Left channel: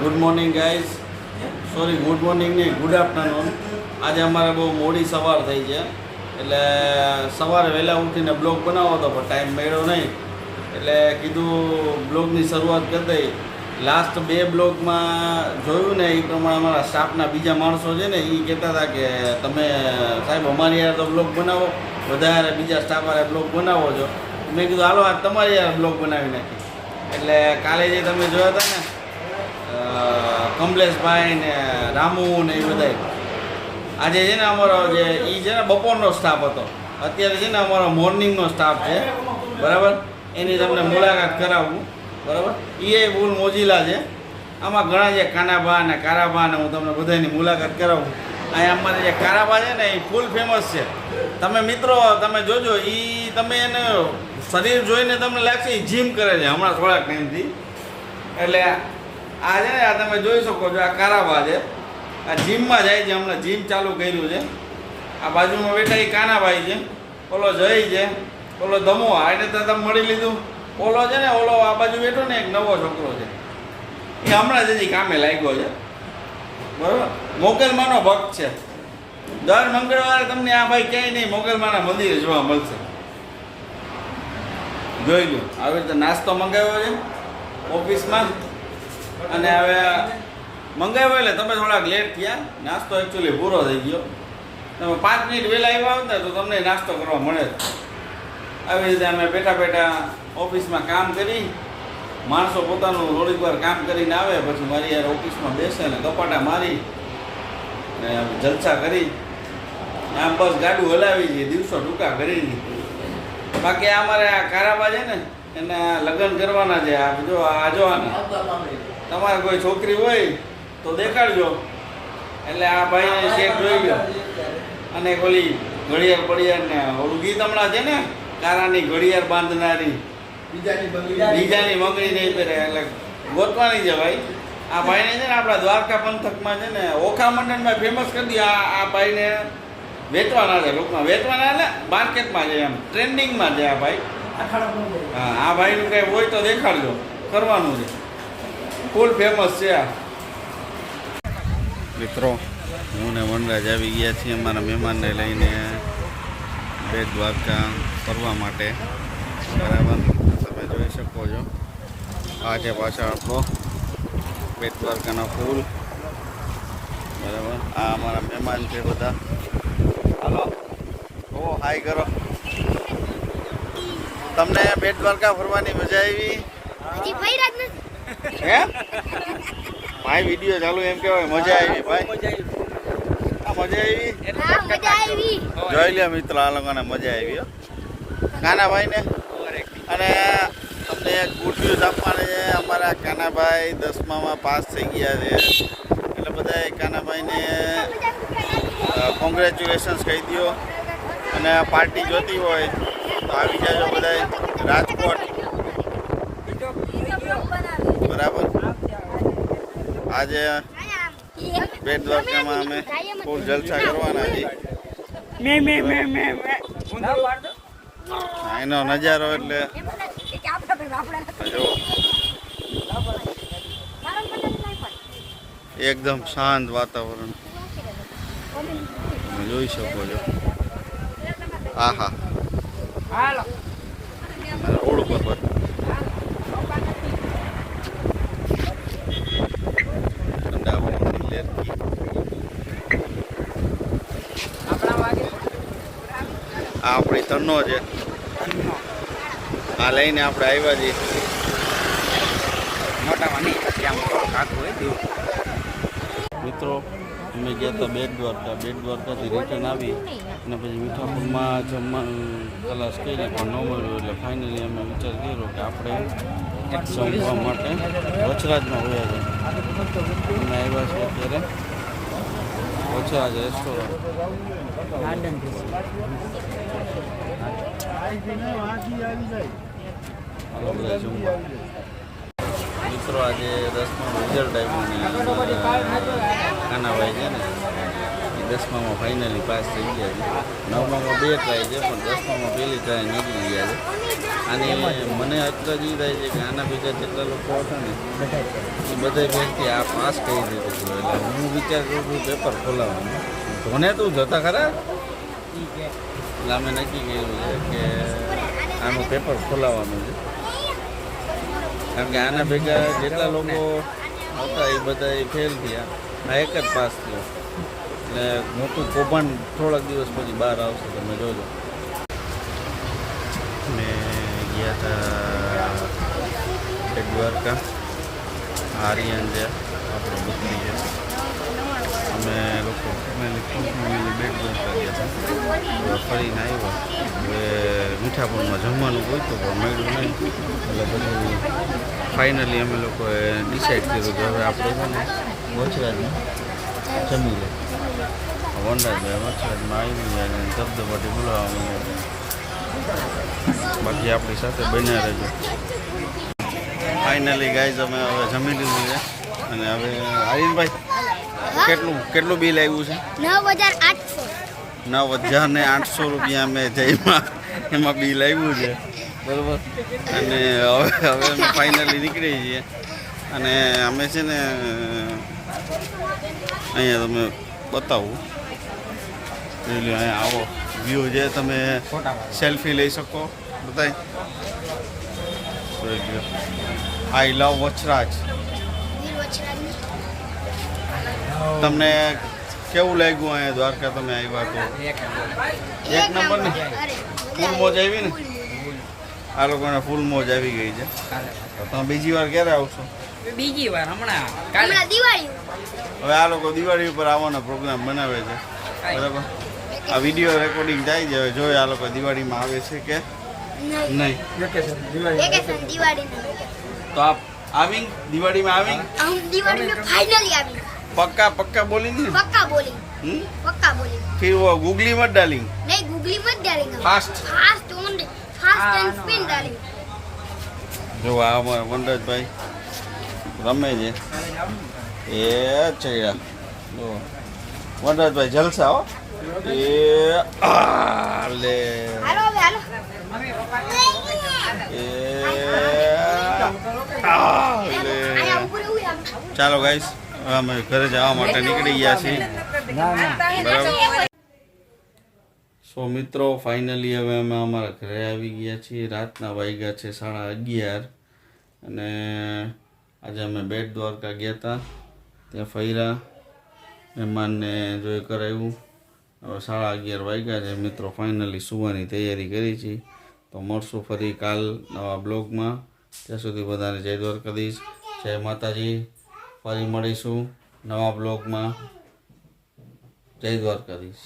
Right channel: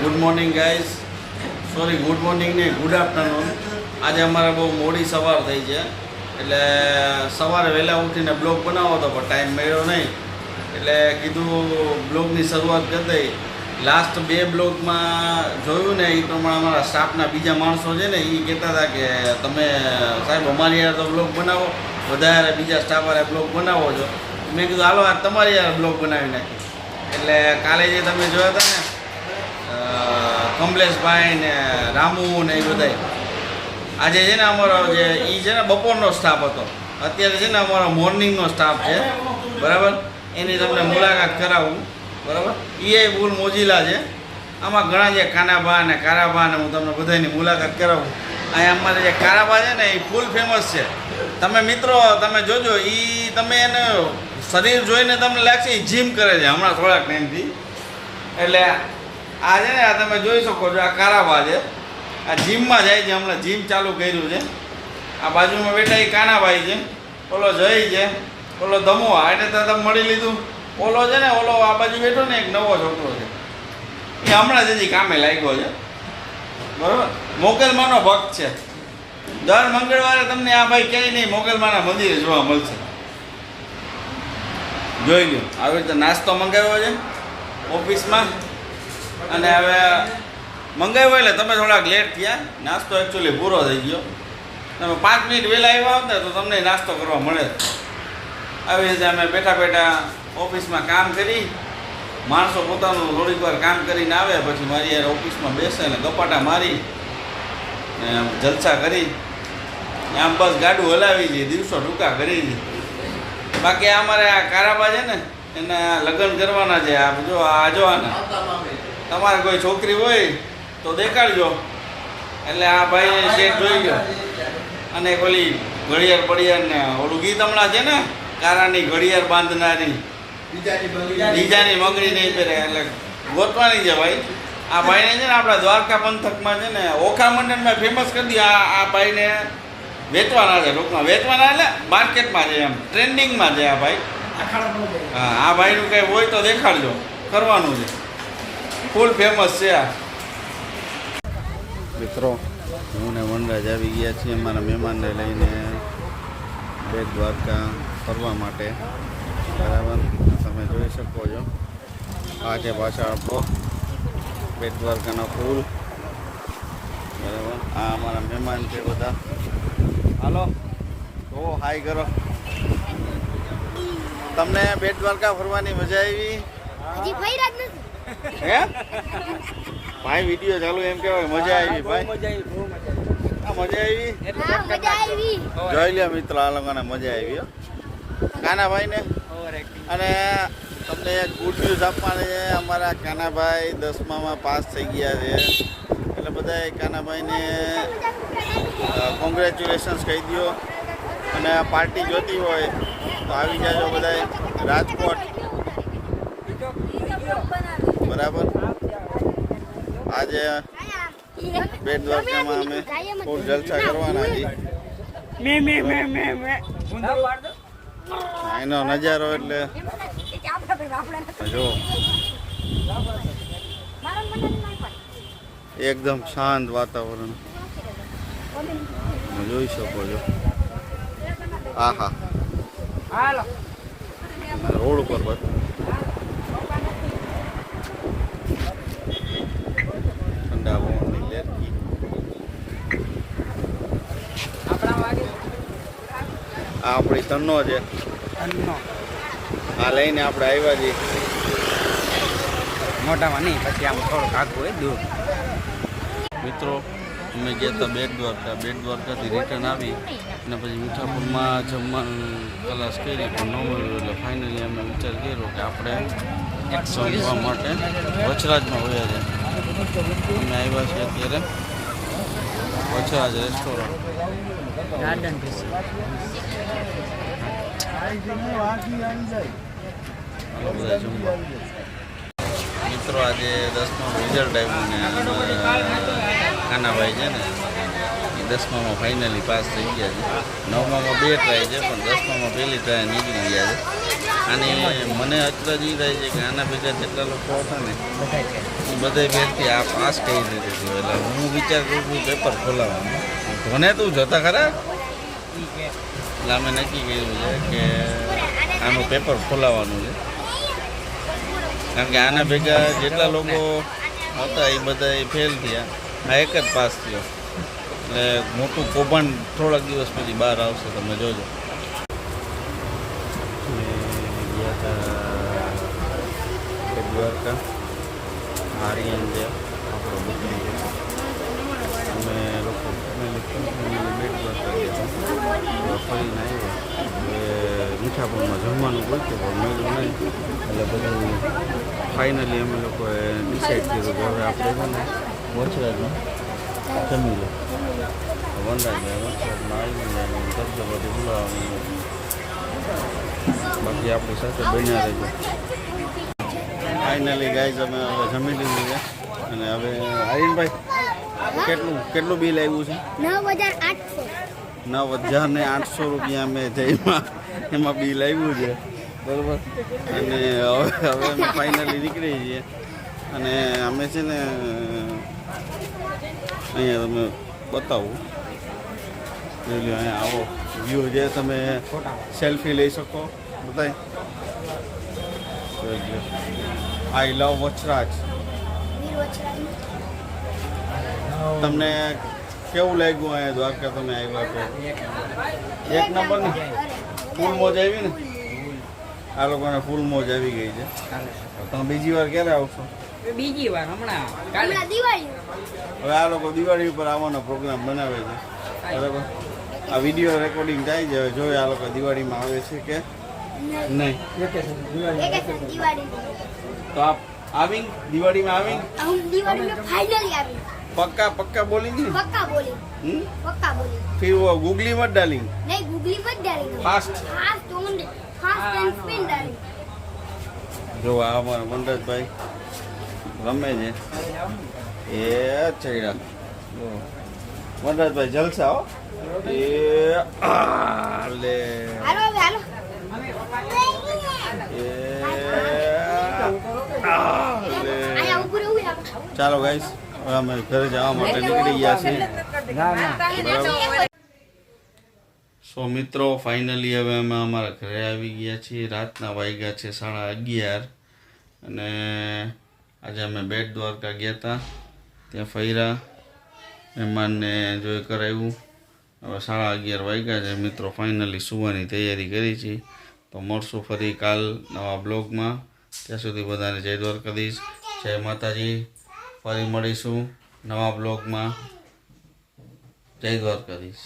Good morning guys, sorry good morning ને good afternoon. આજે અમારે બહુ મોડી સવાર થઈ છે, એટલે સવારે વહેલા ઉઠીને બ્લોગ બનાવો હતો પણ ટાઈમ મળ્યો નહીં, એટલે કીધું બ્લોગની શરૂઆત કરી દઈ. લાસ્ટ 2 બ્લોગમાં જોયું ને એ પ્રમાણે અમારા સ્ટાફના બીજા માણસો છે ને એ કહેતા હતા કે તમે સાહેબ અમારી યાર તો બ્લોગ બનાવો, વધારે બીજા સ્ટાફ વાળા બ્લોગ બનાવો છો. મેં કીધું હાલો આ તમારી યાર બ્લોગ બનાવી નાખી. એટલે કાલે જે તમે જોયા હતા ને કમલેશભાઈ ને રામુ ને એ બધા, આજે છે ને અમારો જે એ છે ને બપોરનો સ્ટાફ હતો, અત્યારે છે ને અમારો મોર્નિંગનો સ્ટાફ છે, બરાબર. એની તમને મુલાકાત કરાવું, બરાબર. એ ફૂલ મોજીલા છે. આમાં ઘણા જે કાનાબા ને કારાબા ને હું તમને બધાની મુલાકાત કરાવું. અહીંયા અમારે જે કારાબા છે ને એ ફૂલ ફેમસ છે. તમે મિત્રો તમે જોજો, એ તમે એને શરીર જોઈને તમને લાગશે એ જીમ કરે છે હમણાં થોડાક ટાઈમથી. એટલે આ છે ને આ તમે જોઈ શકો છો, આ કારાબા છે, આ જીમમાં જાય છે, હમણાં જીમ ચાલુ કર્યું છે. આ બાજુમાં બેઠા એ કાનાભાઈ છે, ઓલો જય છે, ઓલો ધમો, એટલે તો તમે મળી લીધું. ઓલો છે ને ઓલો આ બાજુ બેઠો ને એક નવો છોકરો છે, એ હમણાં જ હજી કામે લાગ્યો છે, બરાબર. મોગલમાનો ભક્ત છે. દર મંગળવારે તમને આ ભાઈ ક્યાંય નહીં મોગલમાના મંદિરે જોવા મળશે. જોઈ લો, આવી રીતે નાસ્તો મંગાવ્યો છે ઓફિસમાં, અને હવે મંગાવ્યો એટલે તમે થોડાક લેટ થયા. નાસ્તો એકચ્યુઅલી પૂરો થઈ ગયો. તમે 5 મિનિટ વહેલા આવ્યા હોત ને તો તમને નાસ્તો કરવા મળે. આવી રીતે અમે બેઠા બેઠા ઓફિસમાં કામ કરી, માણસો પોતાનું થોડીક વાર કામ કરીને આવે, પછી મારી યાર ઓફિસમાં બેસે ને ગપાટા મારી જલસા કરી આમ બસ ગાડું હલાવી છે, દિવસો ટૂંકા કરી છે. બાકી અમારે આ કારાબા છે ને એના લગ્ન કરવાના છે. આ જો આ જોવાના, તમારે કોઈ છોકરી હોય તો દેખાડજો. એટલે આ ભાઈને શેઠ જોઈ ગયો, અને ઓલી ઘડિયાળ પડિયાળ ને ઓલું ગીત હમણાં છે ને, કારાની ઘડિયાળ બાંધનારી બીજાની મગરી નહીં પહેરે, એટલે ગોતવાની છે ભાઈ. આ ભાઈને છે ને આપણા દ્વારકા પંથકમાં છે ને ઓખા મંડળમાં ફેમસ કરી દઈએ. આ ભાઈને વેચવાના છે, લોકમાં વેચવાના, એટલે માર્કેટમાં છે, એમ ટ્રેન્ડિંગમાં છે આ ભાઈ. હા, આ ભાઈનું કંઈ હોય તો દેખાડજો, કરવાનું છે, ફૂલ ફેમસ છે આ. મિત્રો, હું ને વનરાજ આવી ગયા છીએ અમારા મહેમાનને લઈને બેટ દ્વારકા ફરવા માટે, બરાબર. તમે જોઈ શકો છો, આ છે પાછળ આપણો બેટ દ્વારકાનો પુલ, બરાબર. આ અમારા મહેમાન છે બધા. હાલો, ઓ હાય કરો. તમને બેટ દ્વારકા ફરવાની મજા આવી? હે ભાઈ, વિડીયો ચાલુ એમ કહેવાય. મજા આવી ભાઈ, મજા આવી. જોઈ લે મિત્રો, આ લોકોને મજા આવી હો, કાનાભાઈ ને. અને તમને ગુડ ન્યૂઝ આપવાના છે, અમારા કાનાભાઈ 10મામાં પાસ થઈ ગયા છે. એટલે બધા કાનાભાઈને કોંગ્રેચ્યુલેશન્સ કહી દો. અને પાર્ટી જોતી હોય તો આવી જાજો બધા રાજકોટ, બરાબર. આજે બેટ દ્વારકામાં અમે ફૂલ જલસા કરવાના છીએ. એનો નજારો એટલે જો એકદમ શાંત વાતાવરણ તમે જોઈ શકો છો. આહા, રોડ ઉપર ઠંડા પવનની લહેરથી. આ આપણી તન્નો છે, આ લઈને આપણે આવ્યા છીએ. મિત્રો, અમે ગયા હતા બેટ દ્વારકાથી રિટર્ન આવી અને પછી મીઠાપુરમાં જમવાનું તલાશ કરી પણ ન મળ્યું. એટલે ફાઇનલી અમે વિચાર કર્યો કે આપણે જમવા માટે વચરાજમાં વયા છે. અમે આવ્યા છીએ અત્યારે વચરાજ રેસ્ટોરન્ટ ગાર્ડન. હાલો બધા જમવા. મિત્રો, આજે 10માનું રિઝલ્ટ આવ્યું ને કાનાભાઈ છે ને એ 10મામાં ફાઇનલી પાસ થઈ ગયા છે. 9મામાં 2 ટ્રાય છે પણ 10મામાં પહેલી ટ્રાય નીકળી ગયા છે. અને મને અત્યારે જ એ થાય છે કે આના ભેગા જેટલા લોકો હતા ને બધે ભેગથી આ પાસ કહી દીધું હતું એટલે હું વિચાર કરું છું પેપર ખોલાવવાનું ધોને તું જતા ખરા એટલે અમે નક્કી કર્યું છે કે આનું પેપર ખોલાવવાનું છે કારણ કે આના ભેગા જેટલા લોકો હતા એ બધા ફેલ થયા આ એક જ પાસ થયો એટલે મોટું કૌભાંડ થોડાક દિવસ પછી બહાર આવશે તમે જોજો મેં ગયા હતા બેટ દ્વારકા આર્યન છે આપણો બુદ્ધિ છે અમે લોકો ફેમિલી બેટ દ્વારકા ગયા હતા ફરીને આવ્યા હવે મીઠાપુરમાં જમવાનું ગોઈતું પણ મળ્યું નહીં એટલે બધું ફાઇનલી અમે લોકોએ ડિસાઈડ કર્યું કે હવે આપણે છે ને વચરાજમાં જમી લો વનરાજભાઈ વચરાજમાં આવી જાય ધબધબાથી બોલાવવાનું બાકી આપણી સાથે બન્યા રહેજો ફાઇનલી ગાઈઝ અમે હવે જમી લીધું છે અને હવે આર્યનભાઈ કેટલું બિલ આવ્યું છે 9,800 રૂપિયા અમે જઈમાં એમાં બિલ આવ્યું છે બરાબર અને હવે અમે ફાઇનલી નીકળી છીએ અને અમે છે ને અહીંયા તમે બતાવું અહીંયા આવો વ્યૂ છે તમે સેલ્ફી લઈ શકો બતાય આઈ લવ વચરાજ તમને કેવું લાગ્યું અહીંયા દ્વારકા તમે આવ્યા તો એક નંબર ને ફૂલ મોજ આવી ને આ લોકોને ફૂલ મોજ આવી ગઈ છે તમે બીજી વાર ક્યારે આવશો બીજી વાર હમણાં દિવાળી હવે આ લોકો દિવાળી ઉપર આવવાનો પ્રોગ્રામ બનાવે છે બરાબર આ વિડીયો રેકોર્ડિંગ થાય છે હવે જોઈએ આ લોકો દિવાળીમાં આવે છે કે નહીં દિવાળી તો આપ આવી દિવાળીમાં આવી हम दिवाली में फाइनली आ गए पक्का बोलेंगे ना पक्का बोलेंगे पक्का बोलेंगे फिर वो गूगली मत डालेंगे नहीं गूगली मत डालेंगे फास्ट फास्ट एंड स्पिन डालेंगे જો આ વનરાજભાઈ રમે છે એ ચડ્યા જો વનરાજભાઈ જલસા હો એ લે હાલો હવે હાલો આયા ઉપર ઉભી રાખ ચાલો ગાઈસ હવે અમે ઘરે જવા માટે નીકળી ગયા છીએ બરાબર સો મિત્રો ફાઇનલી હવે અમે અમારા ઘરે આવી ગયા છીએ રાતના વાગ્યા છે 11:30 અને આજે અમે બેટ દ્વારકા ગયા હતા ત્યાં ફર્યા મહેમાનને જોઈ કરાવ્યું હવે 11:30 વાગ્યા છે મિત્રો ફાઇનલી સુવાની તૈયારી કરી છે તો મળશું ફરી કાલ નવા બ્લોગમાં ત્યાં સુધી બધાને જય દ્વારકાધીશ જય માતાજી ફરી મળીશું નવા બ્લોગમાં જય દ્વારકાધીશ